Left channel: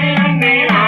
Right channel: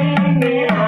में